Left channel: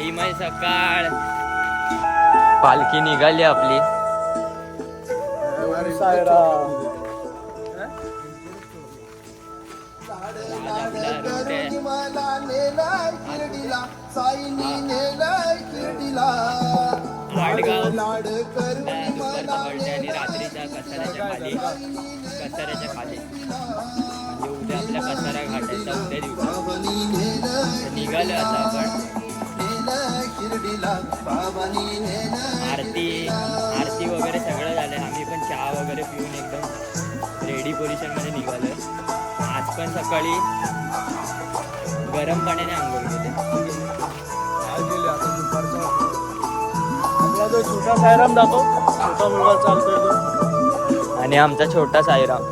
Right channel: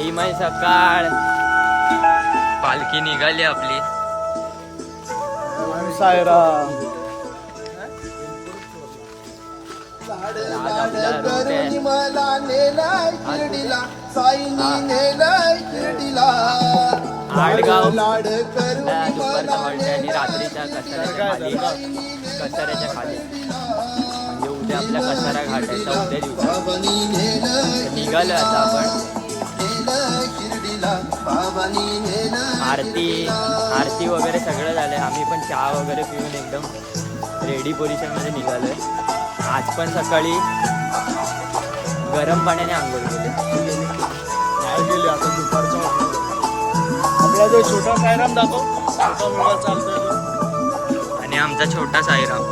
Time आहे सकाळ. पालखी निघाली आपली. आज आपला रूट आहे आडगाव. दुपारचा हॉल्टे आणि रात्रीच्या कसाऱ्याच्या खाली म्हणजे उद्या आपल्या कसारा घाट आहे. उद्या दिवशी निघालो आता आपण. आरती वगैरे सगळं झालंय. आम्ही पण चहा वगैरे पिऊन एकदम रेडी पोझिशनमध्ये निघालोय. आज पण सकाळी गरम पाण्याने आंघोळ केले. आपला जो छोटा सायराम दाखव, छोटा मुलगा चालतोय आणि आमचा छोटा साईराम.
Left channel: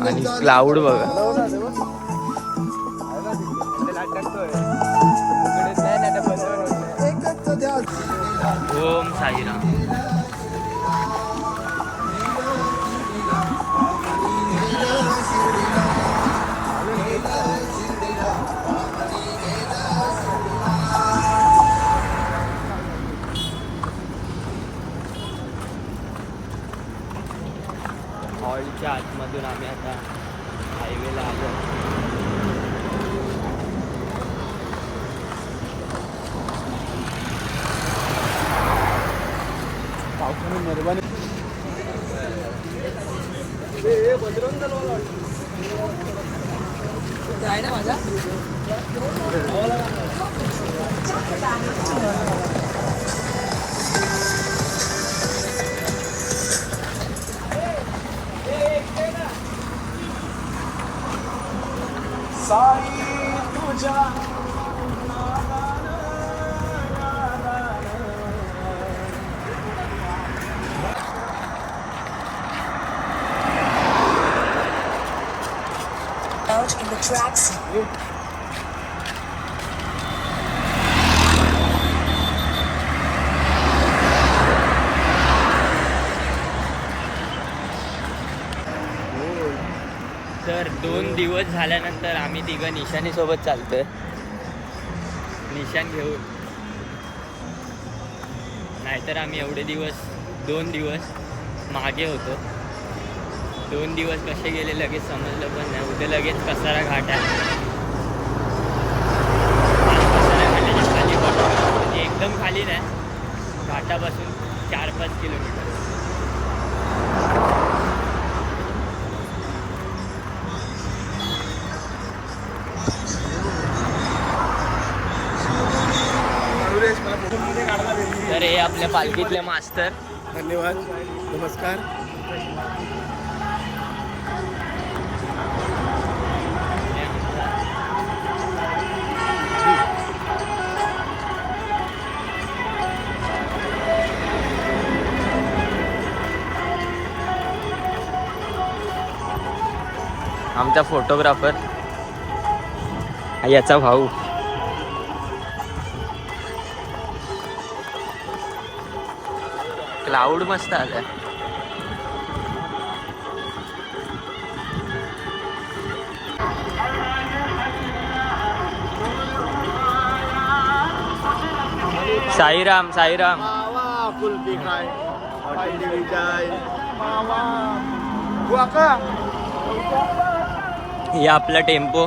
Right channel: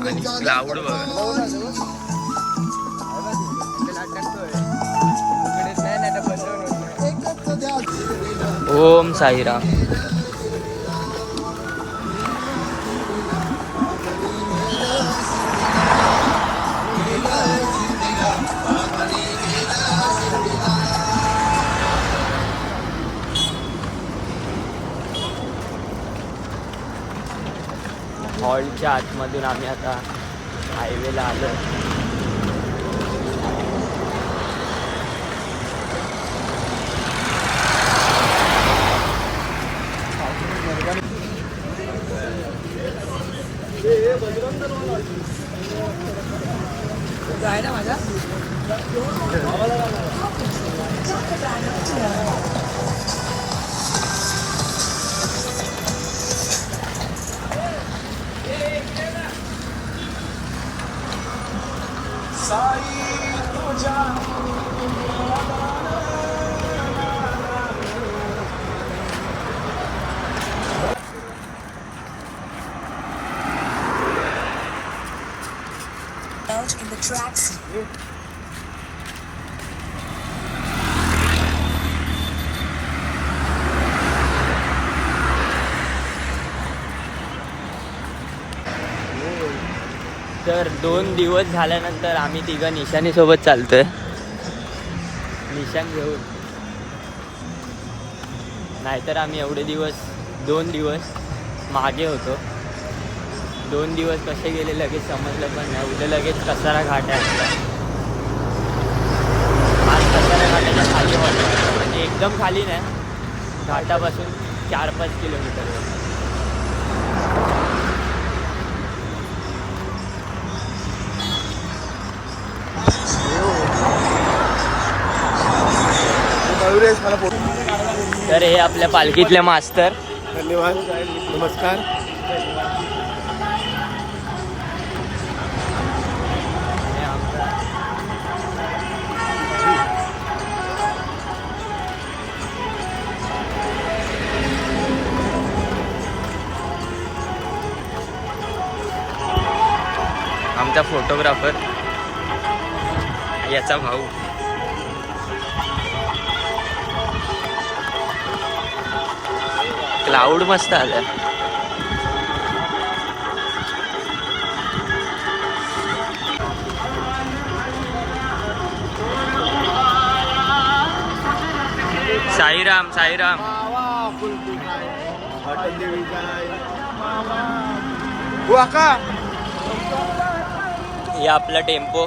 आणि क्लाउड बघा. ओम साईराम. हॉलच्या आतमधून आम्ही आता हायवेला आलोय. आहे ना माझा. Out in the tracks. तर 2 दिवस झाल्यानंतर आम्ही तिघं निशानी सोबत चालतोय. निशान घेऊन. नाहीतर आम्ही एवढे दिवस 2 दिवस मागे होतो. 2 दिवस कसे गेले लगेच समजलं पण नाही. उद्या लगेच कसारा घाट आहे आपला. आज कसारा घाटाच्या खाली वाटतो म्हणजे एकदम खाली नाही, घाटापासून 4-5 किलोमीटर. तर हे आपल्या पालखीतले मास्तर. धन्यवाद. नमस्कार. आमचा फोटोग्राफर याचा भाऊ. क्लाउड मस्त आलं. साईराम साईराम. हे आपला टेम्पो.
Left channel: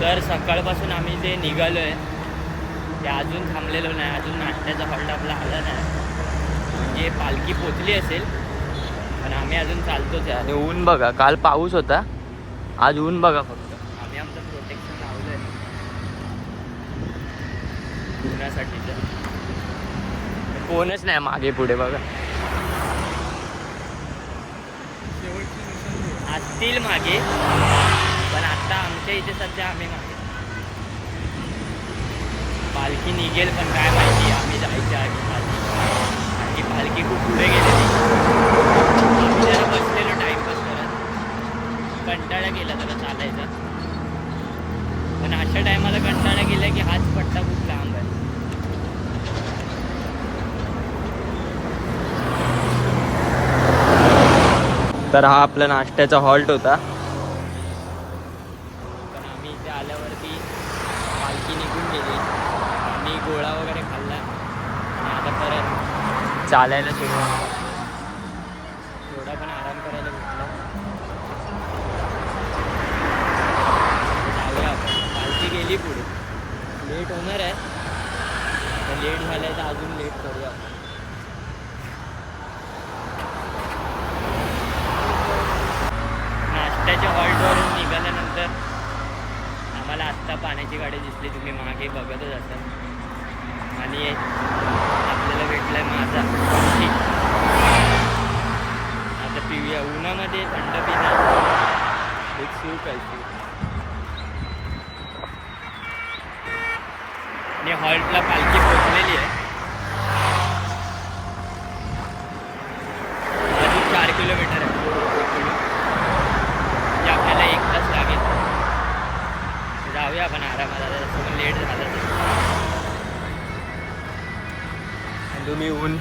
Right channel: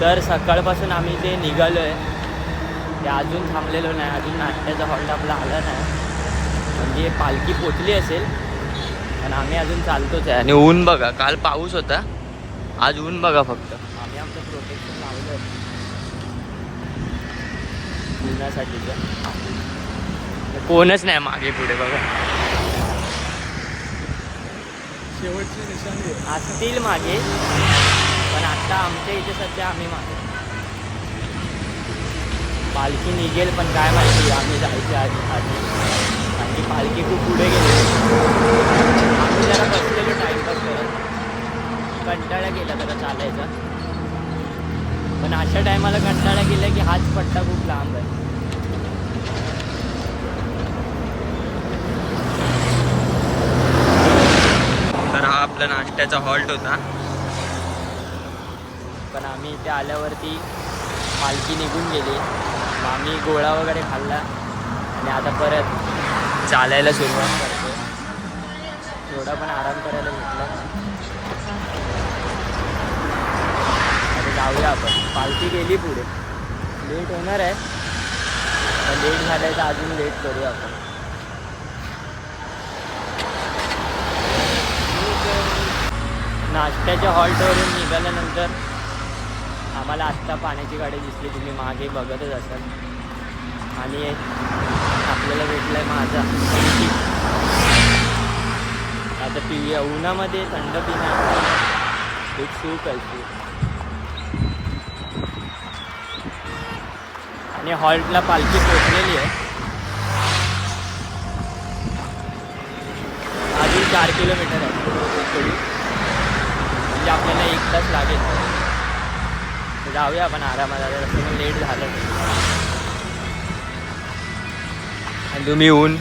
तर सकाळपासून आम्ही जे निघालो आहे ते अजून थांबलेलो नाही. अजून नाश्त्याचा हॉल्ट आपला आला नाही. म्हणजे पालखी पोचली असेल पण आम्ही अजून चालतोच आहे. आणि ऊन बघा, काल पाऊस होता, आज ऊन बघा फक्त. आम्ही आमचं प्रोटेक्शन लावलं आहे उन्हासाठीचं. कोणच नाही मागे पुढे बघा. असतील मागे पण आता आमच्या इथे सध्या आम्ही मागे. पालखी निघेल पण काय माहिती आम्ही जायच्या आधी आणि पालखी खूप पुढे गेलेली. आम्ही जरा बसलेलो टाईमपास करत, कंटाळा केला जरा चालायचा. पण अशा टायमाला कंटाळा गेला की हाच पट्टा खूप लांब आहे. तर हा आपला नाश्त्याचा हॉल्ट होता. पण आम्ही इथे आल्यावरती पालखी निघून गेली. आम्ही गोळा वगैरे खाल्ला आणि आता परत चालायला सुरुवात करतो. थोडा पण आराम करायला भेटला. जाऊया आपण. पालखी गेली पुढे. लेट होणार आहे तर लेट झालं आहे तर अजून लेट करूया आपण. नाश्त्याच्या हॉल्टवरून निघाल्यानंतर आम्हाला आत्ता पाण्याची गाडी दिसली. तुम्ही मागे बघतच असाल. आणि आपल्याला भेटला आहे माझा आता पिऊया. उन्हामध्ये थंड पिणं एक सूप आहे. आणि हॉल्टला पालखी पोचलेली आहे. अजून 4 किलोमीटर आहे इकडून. म्हणजे आपल्याला 1 तास लागेल. तर जाऊया आपण आरामात. पण लेट झालं ते. आणि तुम्ही ऊन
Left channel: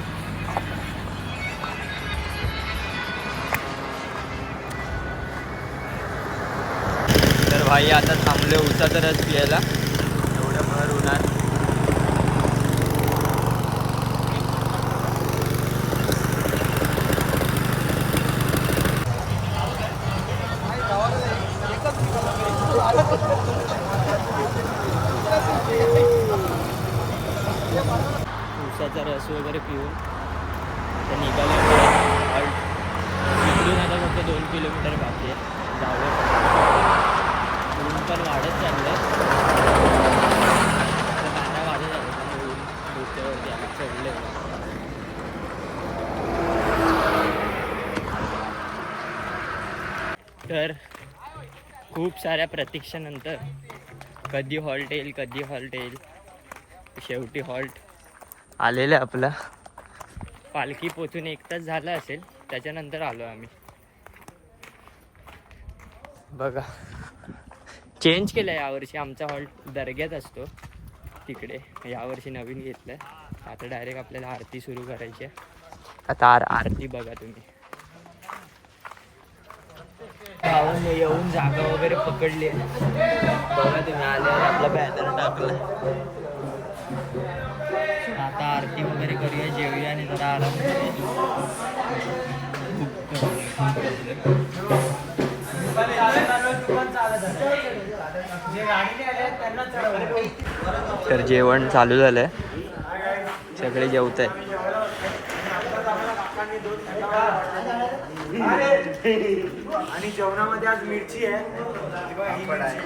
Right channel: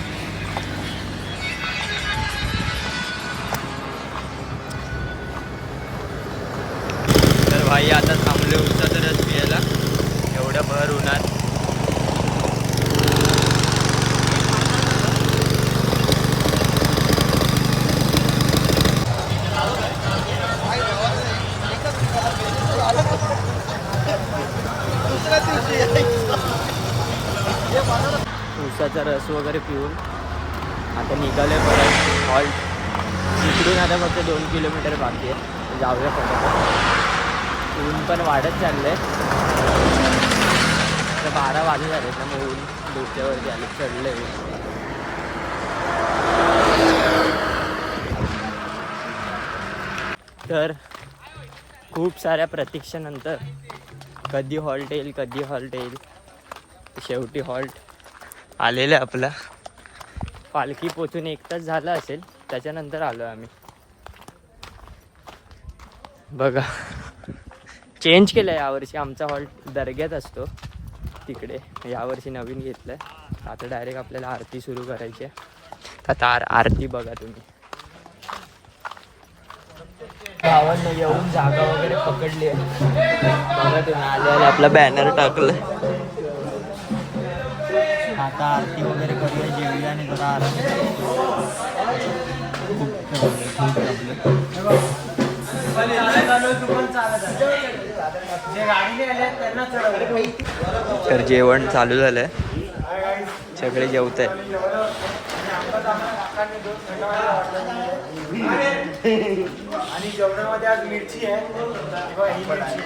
तर भाई आता थांबले उसाचा रस पियायला एवढ्या भर उन्हात. उसाचा रस वगैरे पिऊन आता निघाले परत हॉल्ट. इकडून आता फक्त 2 किलोमीटर बाकी आहे. जाऊया पटापट. ऊन पण वाढत चाललं आहे. 12 वाजले झाले त्यामुळे ऊन डोक्यावरती आलं चढलं आहे. तर खूप साऱ्या प्रतीक्षेनंतर कधी हॉल्ट येईल कधी हॉल्ट येईल शेवटी हॉल्ट आलेलं आहे आपला. पालखी पोचून 1 तास झाला असेल. त्याच्यानंतर आलो आम्ही. बघा चेंज केलं आहे यावर्षी. आमचा हॉल्ट दर्ग्यात असतो तिकडे. यावर्षी नवीन घेतलं आहे. आता डायरेक्ट आपल्याला आरती सुरू करायची आहे. आता आरती बघा तुम्ही. गावांना येऊन जागा वगैरे पकडली आहे. बघा तुम्ही आले आपला बॅनर टाकलं. आता आरती वगैरे करूया, जेवूया आणि जरा आराम. तर जेवण चालू झालंय. सगळे जेवत आहे. आणि जेवणामध्ये आज मिरची आहे.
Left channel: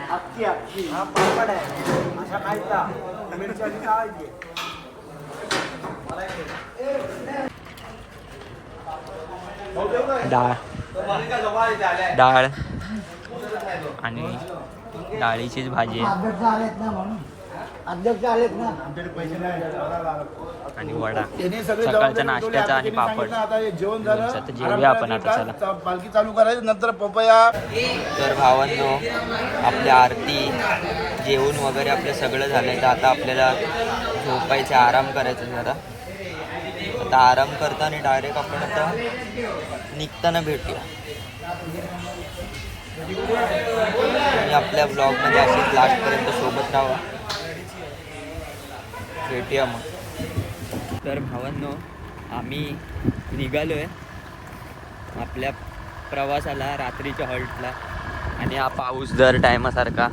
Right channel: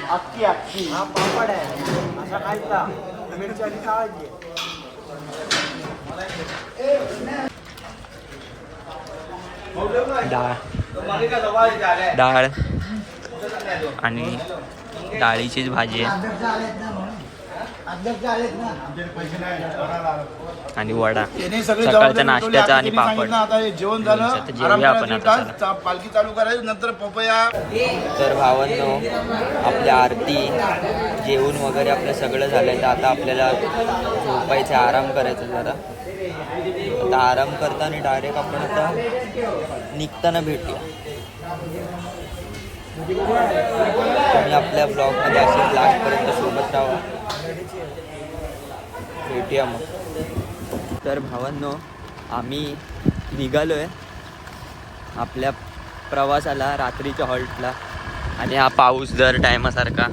अख्खी हा पापड आहे. असा खायचा मिरची अशी खावायची. डाळ आणि डाळीचीच भाजी आहे आणि वडा. सकाळचा नाश्त्याचा आणि पापड. तर जेवूया आपण आता. चला पालखी चालू करायची नंतर पपया. तर भावांनो आपली आरती जेवून वगैरे आपलं सगळं झालंय. तर आता आपल्याला झोपायचं, आराम करायचा जरा. आता आराम करताना डायरेक्ट आपण आता निघताना भेटूया. तुम्ही आपल्या ब्लॉगमध्ये असेच लास्टपर्यंत सोबत राहा. भेटूया मग. तर भावांनो आम्ही निघालो आहे आपल्या प्रवासाला रात्रीच्या हॉल्टला. आणि हा पाऊस दर टायमासारखा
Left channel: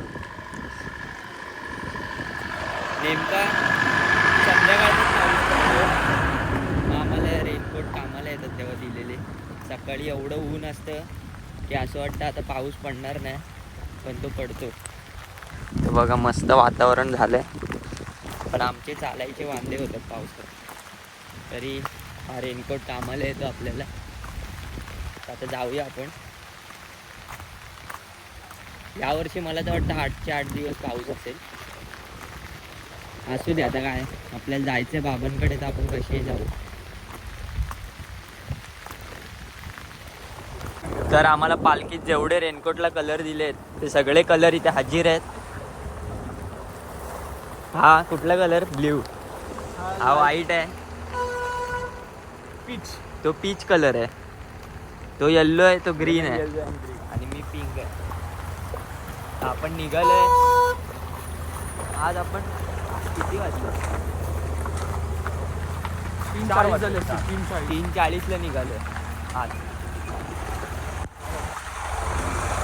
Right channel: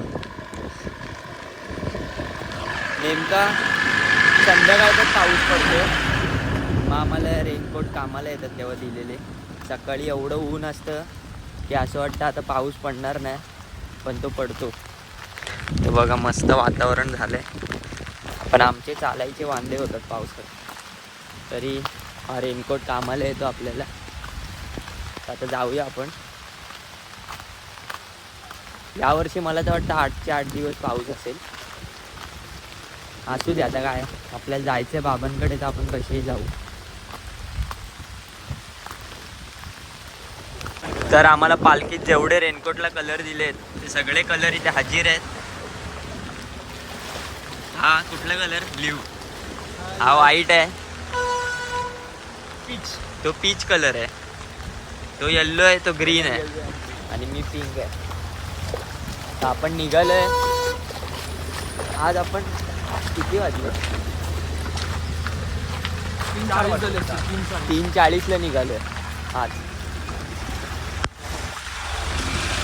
नेमका संध्याकाळचा पाऊस पडतो. मग आम्हाला रेनकोट कामाला येतात तेव्हा दिलेले. सकाळी एवढं ऊन असतं की असं वाटतं आता पाऊस पडणार नाही, पण तो पडतो. तर बघा मस्त वातावरण झालं आहे. पण आमचे चालायचे वांदे होतात पावसात. तरी हा रेनकोट कामाला येतो आपल्याला. आता जाऊया आपण. यावर्षी मला तर वाटतं 8चे 8 दिवस पाऊस असेल. असू दे आता काय, आपल्याला जायचंय बाबांकडे तर आपण कसेही जाऊ. तर आम्हाला पालखीत जेवढे रेनकोटला कलर दिलेत ते सगळे कलर इथे हजीर आहेत. हा कुठला कलर? ब्ल्यू. हा व्हाईट आहे. तो पीच कलर आहे. तो येल्लो आहे. तो ग्रीन आहे. आणि मी पिंक आहे. तर आपण निघालोय. आज आपण किती वाजले? 3:40ला निघालोय आज.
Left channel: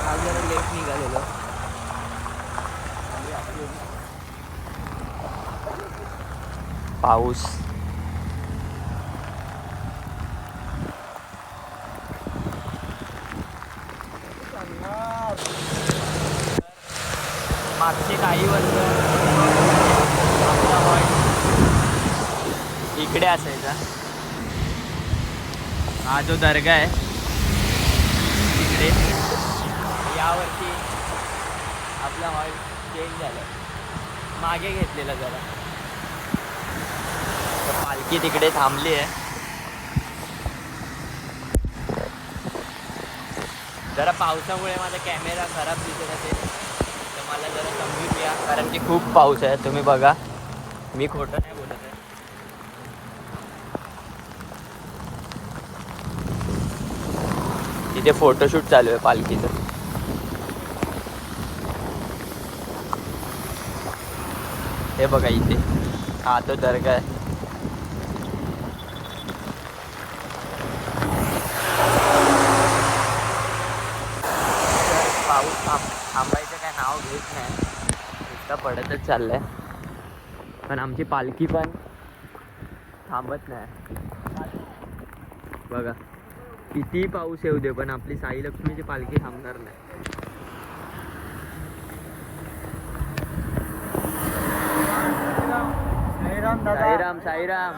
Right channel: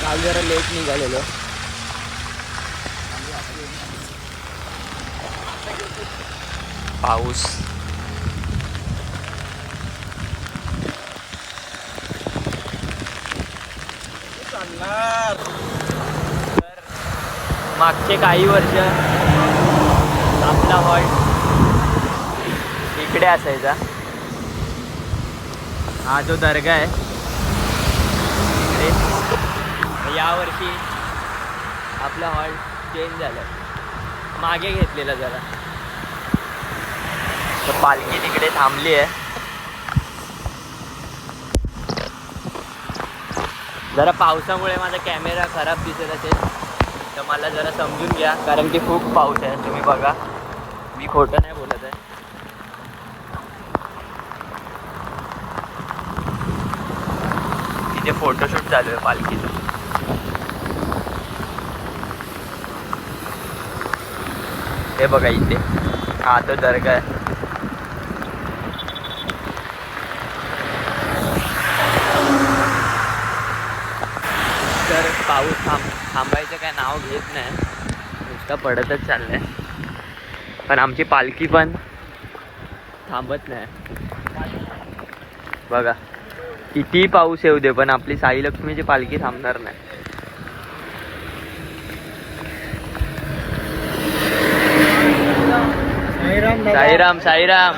काल जरा लेट निघालेलो. पाऊस मागचे काही वर्ष आपला हॉल्ट इकडे असायचा. हा जो दर्गा आहे इकडे, यावर्षी आपला हॉल्ट चेंज झाला, मागे घेतलेला जरा. पालखी तिकडे थांबली आहे. जरा पावसामुळे माझा कॅमेरा खराब दिसत असेल तर मला जरा समजून घ्या, कारण की खूप पाऊस आहे. तुम्ही बघा, मी खोटं नाही बोलत आहे. तिथे फोटोशूट चालू आहे पालखीचं. हे बघा इथे, हा तो दर्गा आहे. तर पाऊस थांबायचं काय नाव घेत नाही, नुसता पडतच चाललाय. पण आमची पालखी पण थांबत नाही. बघा, किती पाऊस येऊ दे पण आपली साई लक्ष्मीची पालखी थांबणार नाही. साईराम साईराम.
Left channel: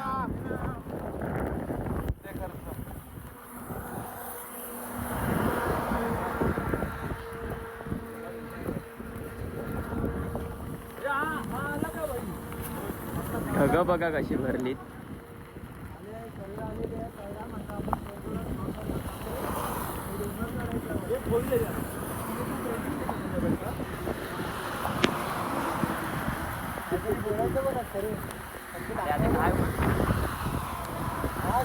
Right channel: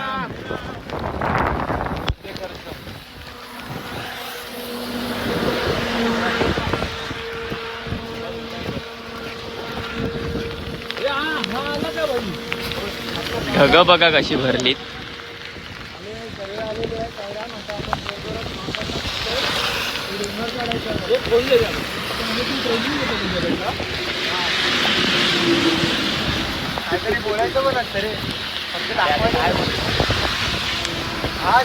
ढगं बघा कशी भरलीत. बोलायचं पण असतं रे, हा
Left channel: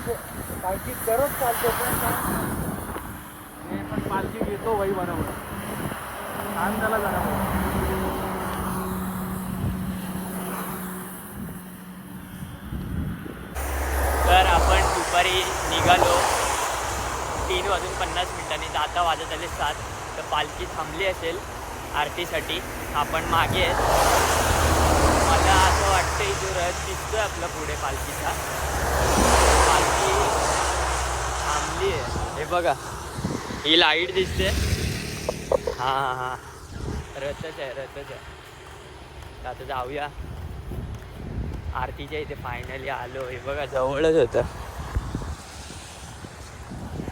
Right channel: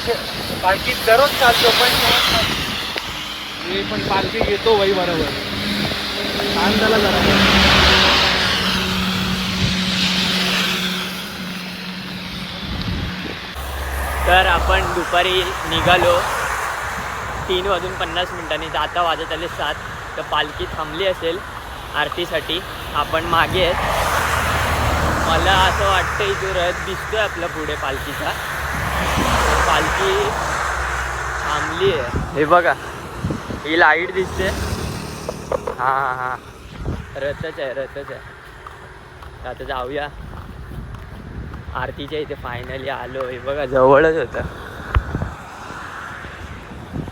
पालखीत दररोज चालतो पण पालखी घेतो वही बरोबर. तर आपण दुपारी निघालो 3:50 तर आता वाजत आले 7. तर पालखी थांबली असेल आरतीसाठी. आपण मागे आहेत. मला असं वाटतं जो रथ दिसतोय आपला पुढे पालखीचा, पालखी थांबली आहे. हे बघा, ही लाईट दिसते. हां हां, रथच आहे, रथच आहे. आता जाऊया आरतीच्या इथे. फायनली आलो. हे बघा, जवळच होतं.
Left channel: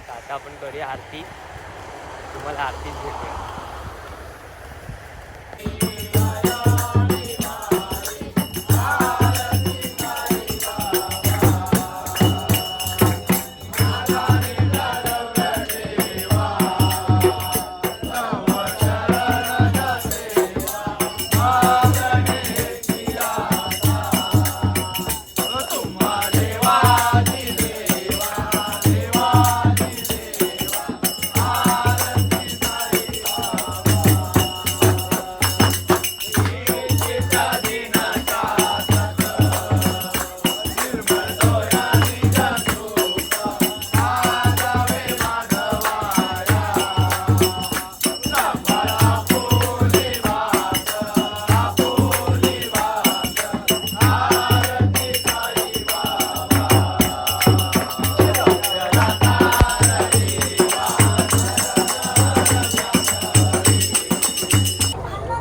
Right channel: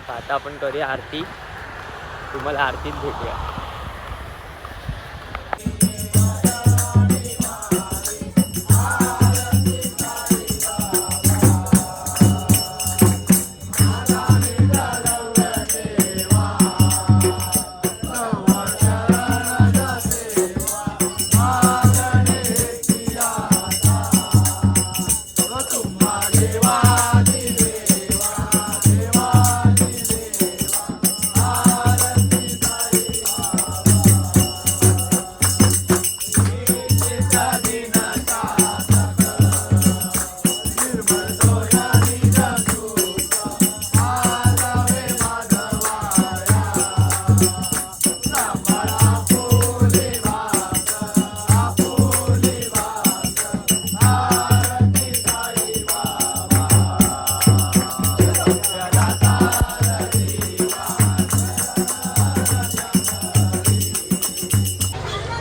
आता आपण करूया आरती. तुम्हाला आरतीत भेटूया.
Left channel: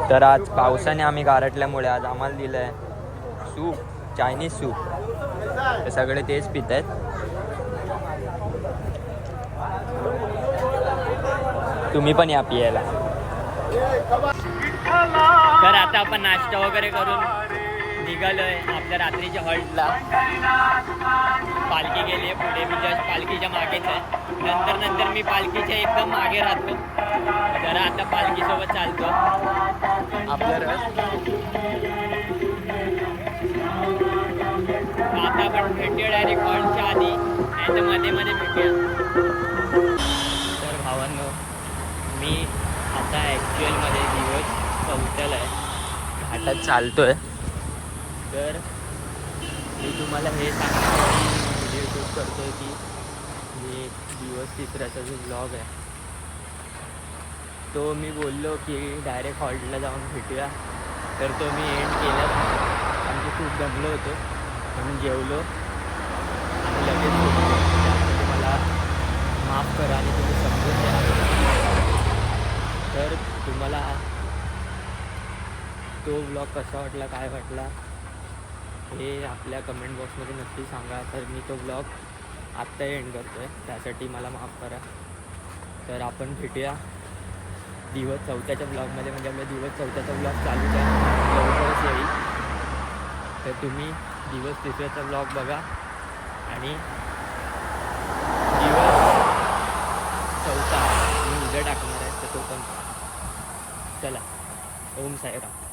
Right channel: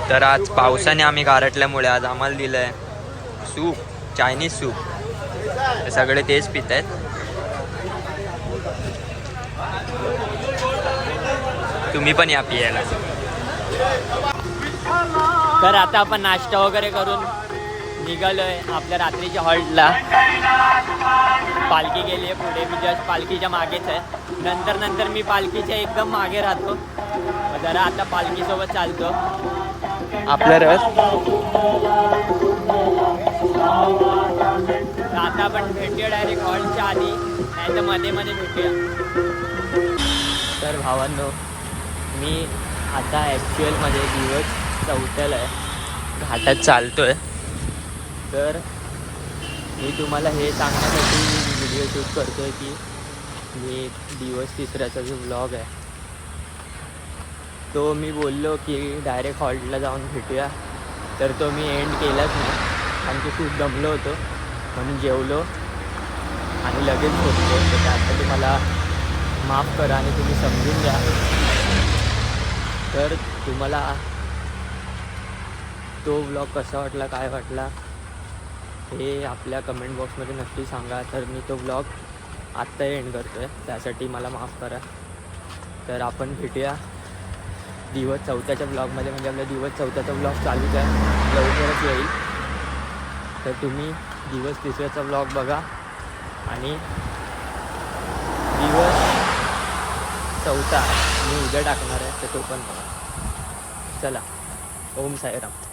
तर आज पावसाने आम्ही गारटल्यामुळे आज आम्हाला दिलं आहे सूप, चायनीज सूप. हे सगळे तेच पित आहेत. तुम्ही पण या पियाला. तर आता आपण नाश्ता वगैरे करून निघालोय आपल्या रात्रीच्या हॉल्टला. पालखी गेली आहे पुढे, मी जस्ट पालखीच्या मागेच आहे. नंतर मी पालखीच्या एकदम मागे राहतो. जरा आता पालखीसोबत चालतो आपलं रस. तर आता आपण भेटूया डायरेक्ट हॉल्टच्या आधी, नाही तर मध्ये भेटूया. तर भावांनो, मी आता ॲक्च्युअलमध्ये दिवस 4थ्याला आहे, घाटात चालतोय. तर मी तुम्हाला हे सांगण्यासाठी व्हिडिओ शूट करतो आहे की मी दिवस 3ऱ्याचा जो ब्लॉग आहे तो मी बोललो की डायरेक्ट हॉल्टला जाऊन भेटूया, तर तो मी एंड केलाच नाही. आणि खूप दमलो होतो म्हणून जेवलो आणि लगेच झोपलो. तर त्यासाठी मला माफ करा आणि तुम्ही समजून द्या. तर तुम्हाला तो ब्लॉग कसा वाटला, काय वाटला हे आपल्या कमेंट बॉक्समध्ये नक्की सांगा. तर मी तो ब्लॉग आत्ता एंड करतो आहे, त्यासाठी मला माफ करा. तर आपण भेटूया दिवस 4थ्याच्या ब्लॉगमध्ये, म्हणजे आपल्या दिवस 4थ्याचा ब्लॉग चालूच आहे, लवकरच येईल. तर तुम्ही दिवस 3ऱ्याचा ब्लॉग बघा आणि दिवस 4था मी उद्या टाकणार आहे, तर तो पण बघा. चला, ओम साईराम.